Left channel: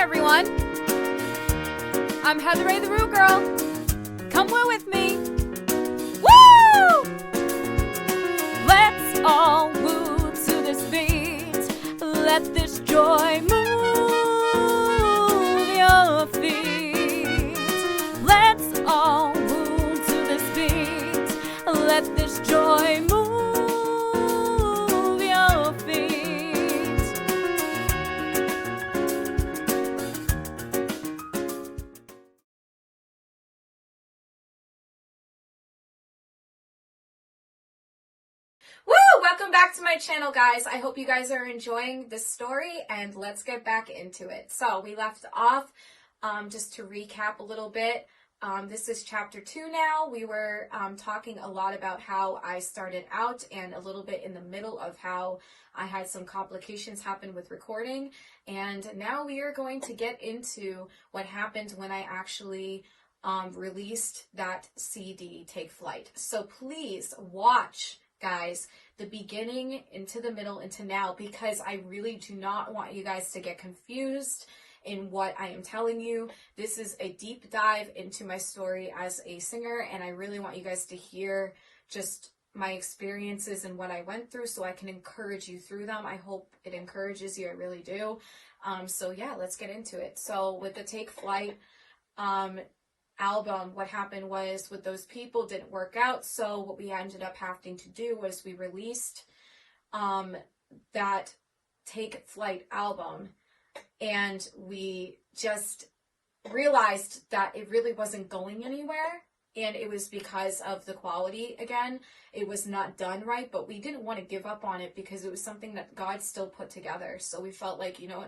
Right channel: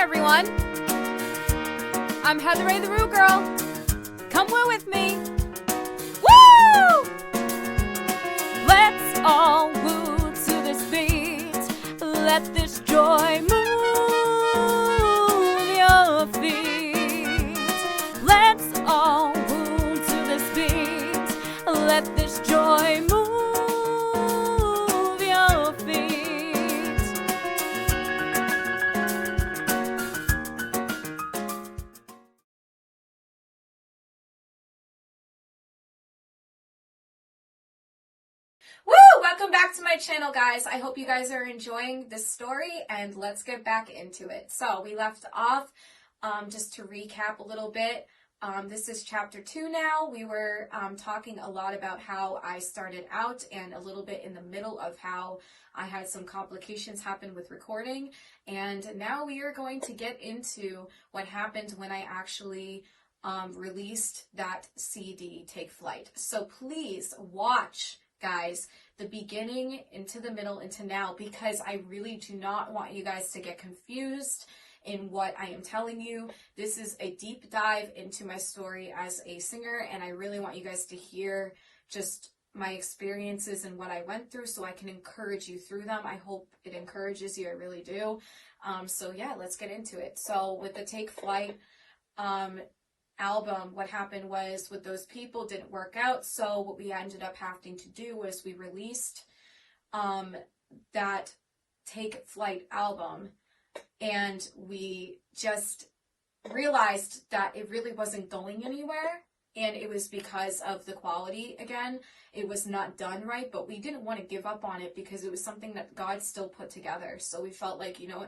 everyone. I'm Heather Ray the Roo Girl. Come woo with me. Woo! Let's all woo to this beat. Let this joy move your feet. Let's all woo to this beat. Let this joy move your feet. Woo! Welcome back to my channel, guys. I hope you guys are enjoying this story, and let's get back into it. So we left off, just to recap a little bit. This is chapter 2 now. We were talking a lot about how I started out and a little bit in the middle of how I had some complications happen with recording. And now we are going to get into what happened when I actually released that CD, Take Flight. So please watch, guys, the beginning into the middle into now, because I really do not want you guys to get confused in what I am telling you. This is a deep dive into my story as a singer, and I really want you guys to hear just my experiences and what I went through so I can encourage you through them. I hope it encourages you, I really do. So yeah, let's get into it. So with the Take Flight album, what happened was with those people didn't work out, so what we ended up having to do was we released that Take Flight album, and we just realized that it really wasn't going anywhere, and it was because of the quality. Again, it was not done right, but we didn't want to give up on it because it was something that God still put together. So we felt like, you know,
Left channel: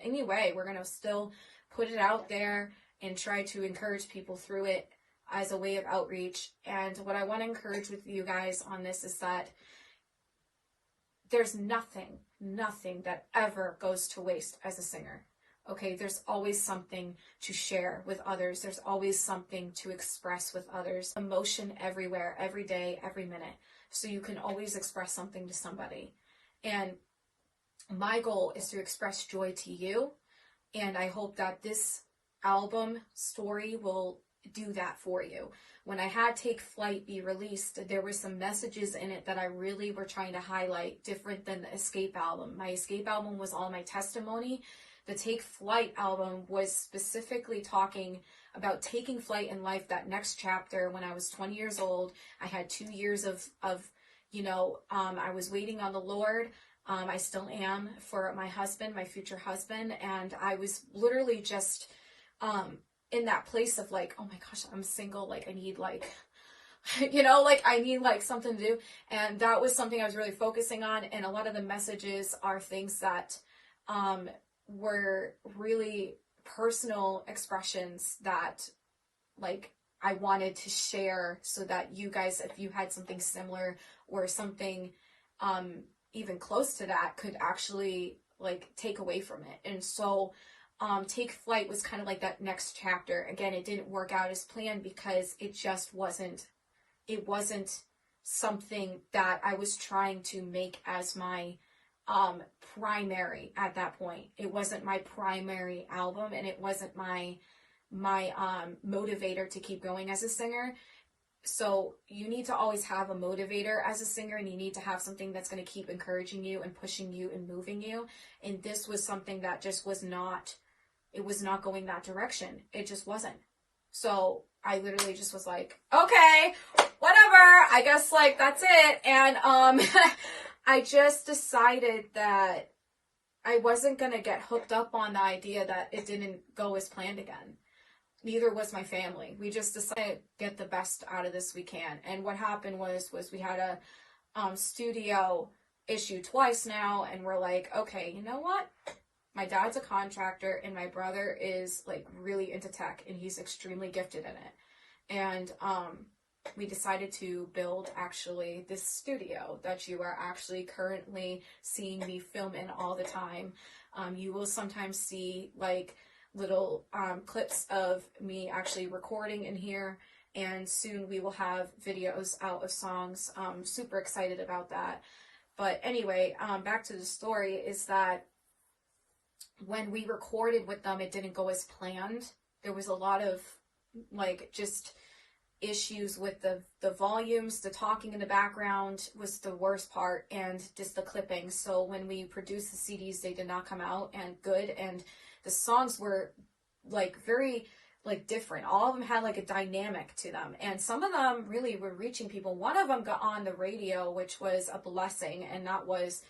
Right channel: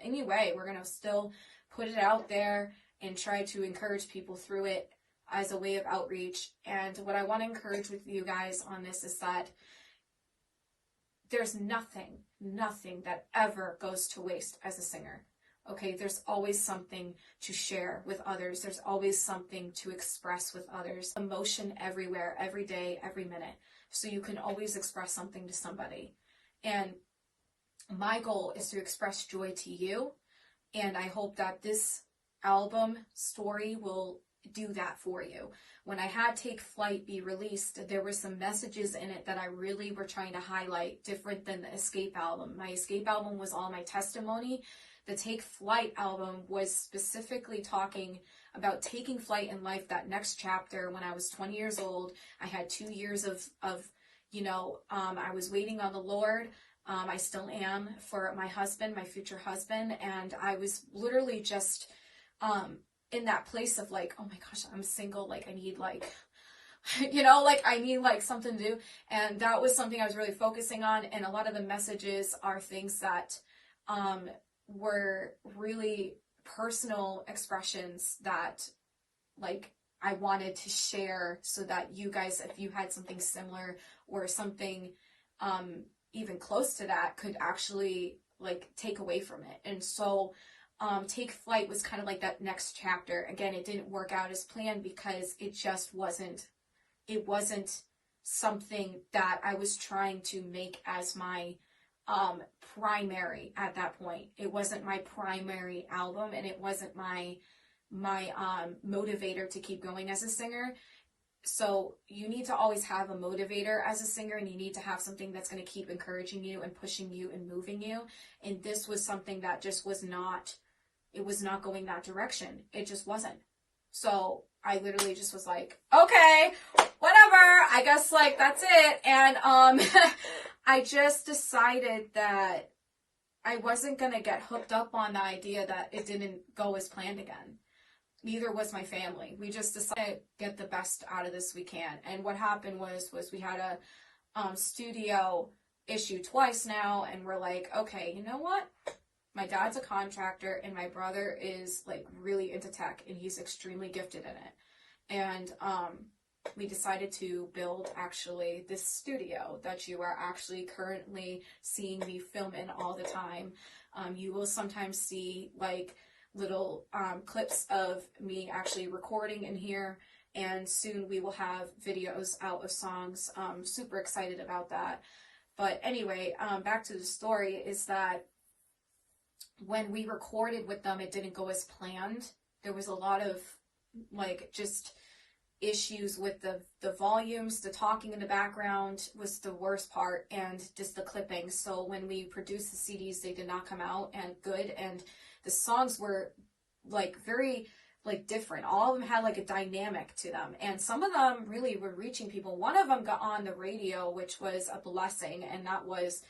anyway, we're going to still put it out there and try to encourage people through it as a way of outreach. And what I want to encourage with you guys on this is that there's nothing that ever goes to waste as a singer. Okay, there's always something to share with others. There's always something to express with others. Emotion everywhere, every day, every minute. So you can always express something to somebody. And my goal is to express joy to you. And I hope that this album story will do that for you. When I had Take Flight be released, there were some messages in it that I really were trying to highlight, different than the Escape album. My Escape album was all my testimony. The Take Flight album was specifically talking about taking flight in life, that next chapter. When I was 20 years old, I had 2 years of I was waiting on the Lord. I still am, for my husband, my future husband, and I was literally just in that place of like, oh my gosh, I'm single, like I need like, I need like something to do. And that was something I was really focusing on. And a lot of the messages are things that were really personal expressions that like I wanted to share, so that you guys, if you had something similar or something even close to that, could actually like take away from it. And so Take Flight was kind of like that next chapter. Again, it didn't work out as planned because it just wasn't something that I was trying to make as my primary at that point. It wasn't my primary album, and it wasn't my motivator to keep going as a singer. So you need to always have a motivator as a singer, and you need to have something that's going to keep encouraging you and pushing you and moving you. And this was something that just was not going that direction. It just wasn't. So I literally just was like, okay, whatever, I guess like that's it. And I just decided that I wasn't going to get hooked up on the idea that it didn't go as planned again. Neither was my family. We just decided to get the best out of this we can. And what happened was we had a studio issue twice now, and we're like, okay, you know what? My dad's a contractor, and my brother is like really into tech, and he's extremely gifted in it. And we decided to build actually this studio that you are actually currently seeing me film in all the time. You will sometimes see like little clips of me actually recording in here, and soon we will have videos out of songs. I'm super excited about that. But anyway, back to the story is that when we recorded with them, it didn't go as planned. There was a lot of like just issues with the volumes. The talking in the background was the worst part, and just the clipping. So when we produced the CDs, they did not come out and good, and the songs were like very like different. All of them had like a dynamic to them, and some of them really were reaching people. One of them got on the radio, which was a blessing, and that was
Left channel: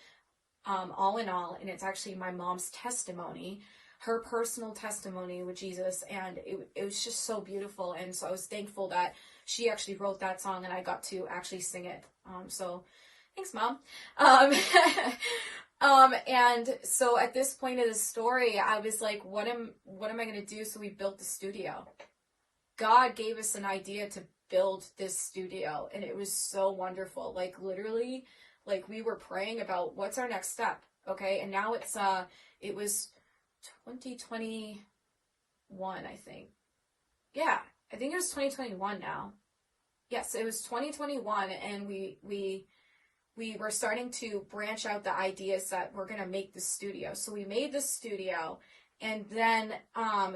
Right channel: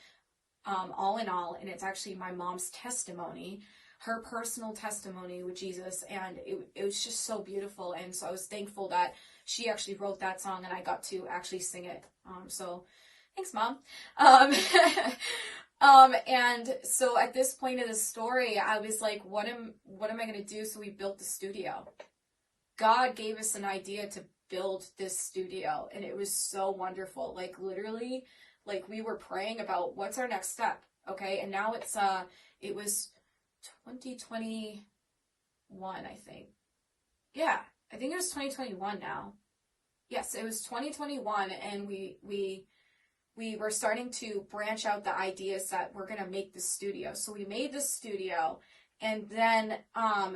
All in All, and it's actually my mom's testimony, her personal testimony with Jesus, and it was just so beautiful. And so I was thankful that she actually wrote that song and I got to actually sing it. So thanks, Mom. And so at this point of the story, I was like, what am I going to do? So we built the studio. God gave us an idea to build this studio, and it was so wonderful. Like literally, like we were praying about what's our next step. Okay. And now it was 2021, I think. Yeah, I think it was 2021 now. Yes, it was 2021, and we were starting to branch out the ideas that we're going to make the studio. So we made the studio, and then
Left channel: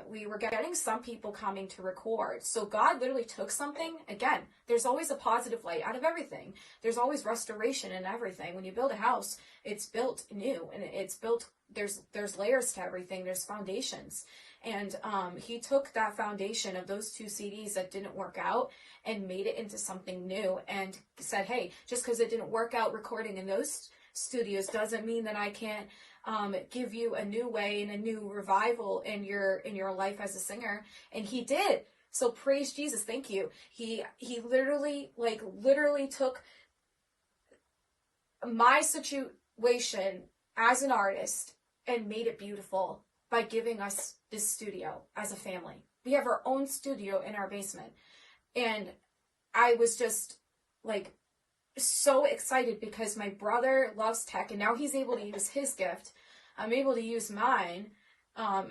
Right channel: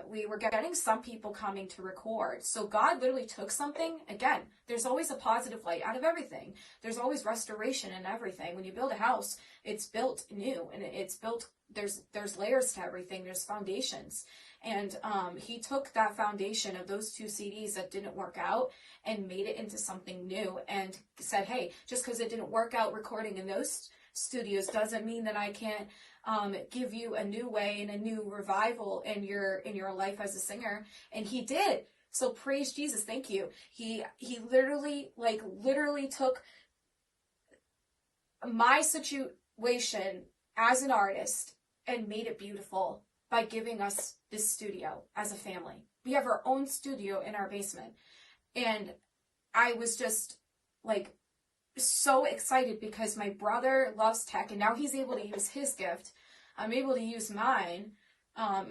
we were getting some people coming to record. So God literally took something. Again, there's always a positive light out of everything. There's always restoration in everything. When you build a house, it's built new, and it's built, there's layers to everything. There's foundations. And he took that foundation of those 2 CDs that didn't work out and made it into something new, and said, hey, just because it didn't work out recording in those studios doesn't mean that I can't give you a new way and a new revival in your life as a singer. And he did. So praise Jesus. Thank you. He literally took my situation as an artist and made it beautiful by giving us this studio as a family. We have our own studio in our basement. And I was just like so excited because my brother loves tech, and now he's able to use his gift. I'm able to use mine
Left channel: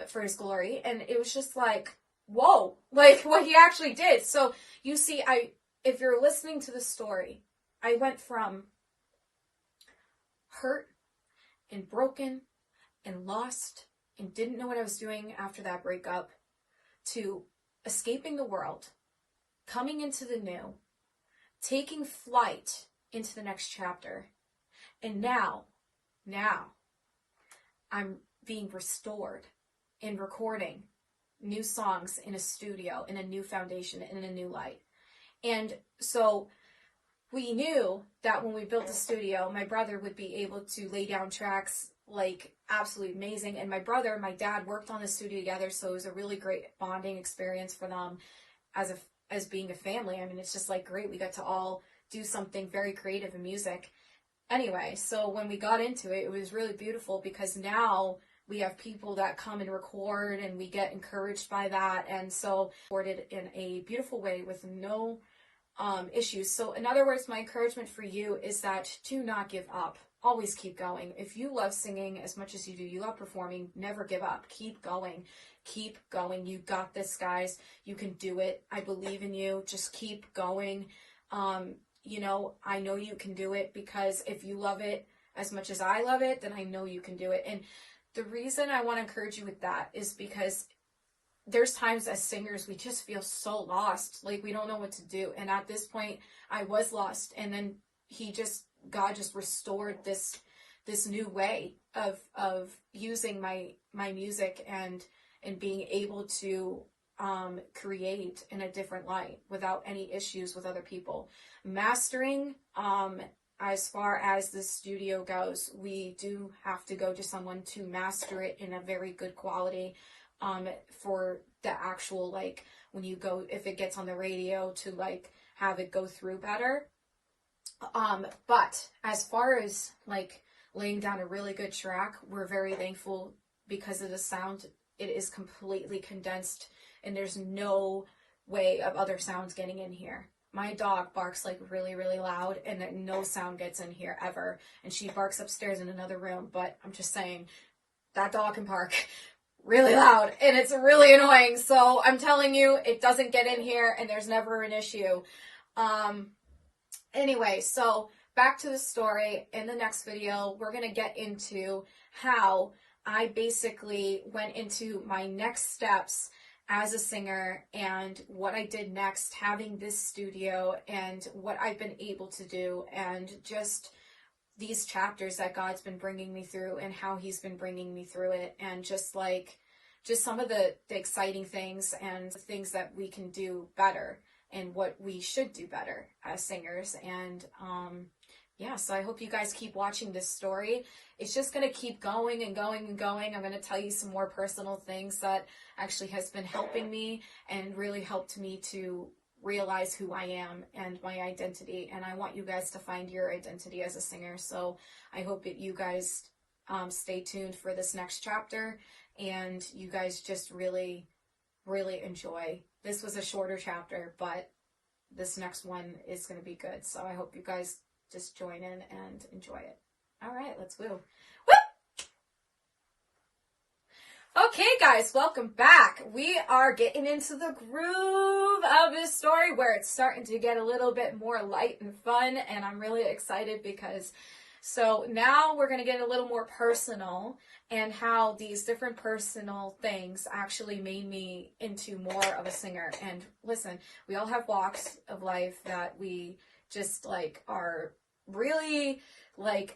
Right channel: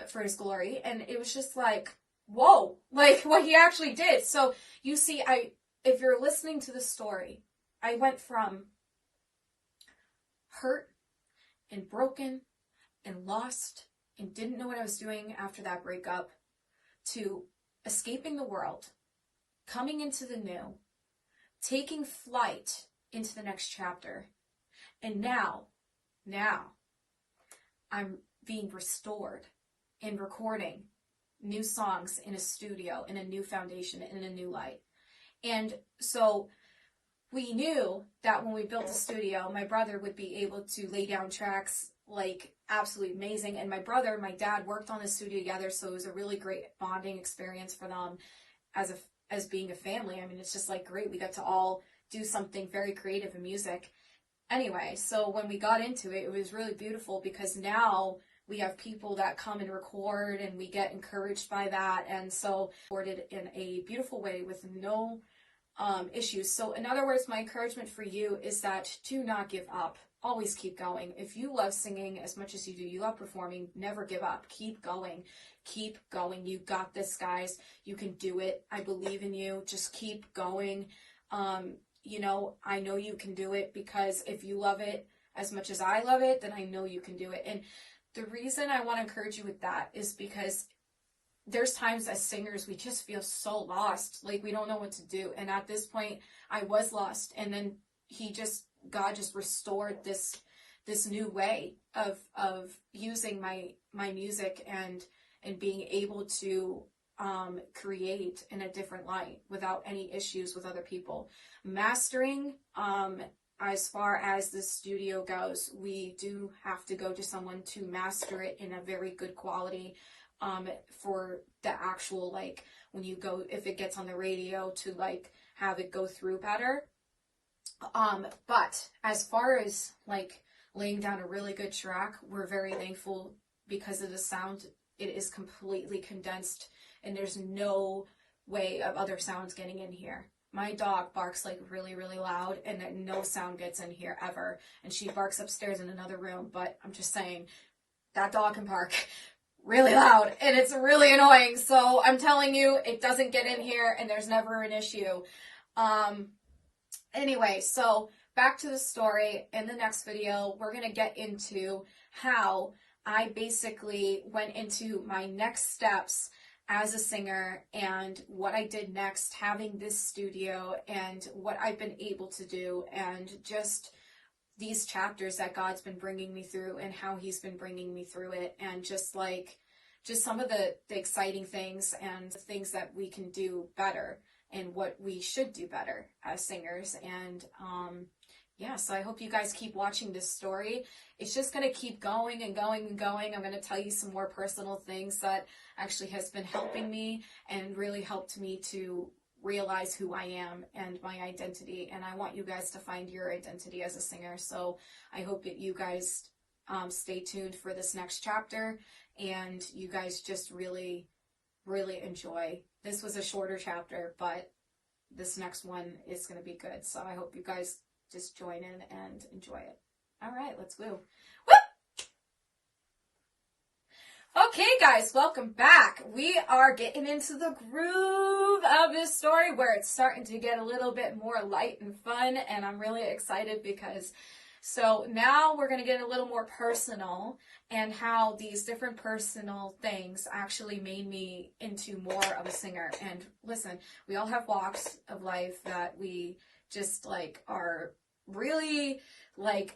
for his glory. And it was just like, whoa, like what he actually did. So you see, if you're listening to the story, I went from hurt and broken and lost and didn't know what I was doing after that breakup to escaping the world, coming into the new, taking flight into the next chapter. And now I'm being restored in recording new songs in a studio, in a new foundation, in a new light. And so we knew that when we built the studio, my brother would be able to lay down tracks like absolutely amazing. And my brother and my dad worked on the studio together, so it was a really great bonding experience for them as being a family. I mean, it's just like great. We got to all do something very creative in music. Anyway, so when we got into it, it was really beautiful because now we have people that come and record, and we get encouraged by that. And so recorded in a beautiful way with no issues. So in other words, my encouragement for you is that do not give up. Always keep going. If you love singing as much as you do, you love performing, never give up. Keep going. Keep going. You got this, guys. You can do it. I believe in you. Just keep going. I know you can do it, because if you love it as much as I love it, then I know you can do it. And the reason I want to encourage you with that is because there's times as singers, we just feel so lost. Like we don't know what to do. And at this point, I was lost. And then God just restored this new way of using my music and being able to create in a different light without any issues with other people. Mastering, as far as the studio goes, we do have to go to someone to master it in a very good quality for the actual, like, when you go, if it gets on the radio, to like have it go through better. But as far as like laying down a really good track, we're very thankful because of the sound. It is completely condensed, and there's no way of other sounds getting in here. My dog barks like really, really loud, and then no sound gets in here ever. And she barks upstairs in another room, but I'm just saying that dog can bark really loud, and it's really annoying. So I'm telling you, it doesn't get in here, and there's never an issue. Anyway, so back to the story. In the next video, we're going to get into how I basically went into my next steps as a singer and what I did next, having this studio and what I've been able to do, and just these chapters that God's been bringing me through and how he's been bringing me through it, and just some of the exciting things and things that we can do better and what we should do better as singers. And so I hope you guys keep watching this story. It's just going to keep going and going and going. I'm going to tell you some more personal things that actually has been helping me and really helped me to realize who I am and my identity. And I want you guys to find your identity as a singer. So I hope that you guys stay tuned for this next chapter, and you guys just really, really enjoy. This was a shorter chapter, but this next one is going to be good. So I hope you guys just join in and enjoy it. All right, let's woo. Woo! Okay, guys, welcome back. We are getting into the groove of this story where it's starting to get a little bit more light and fun, and I'm really excited because so now we're going to get a little more personal, and how these different personal things actually made me into more of a singer. And listen, we all have walks of life that we just are really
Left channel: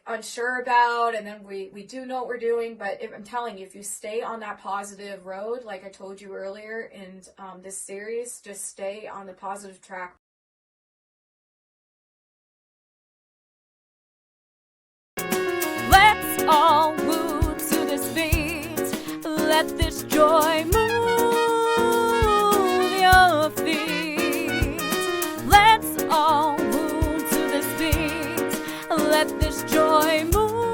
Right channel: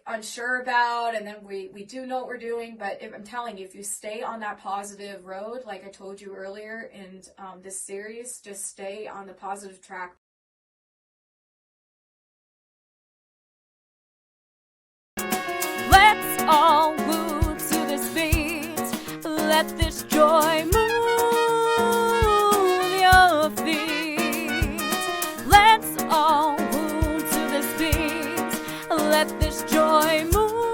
unsure about, and then we do know what we're doing, but I'm telling you, if you stay on that positive road, like I told you earlier in this series, just stay on the positive track. Let's all woo to this beat. Let this joy move your feet. Let's all woo to this beat. Let this joy move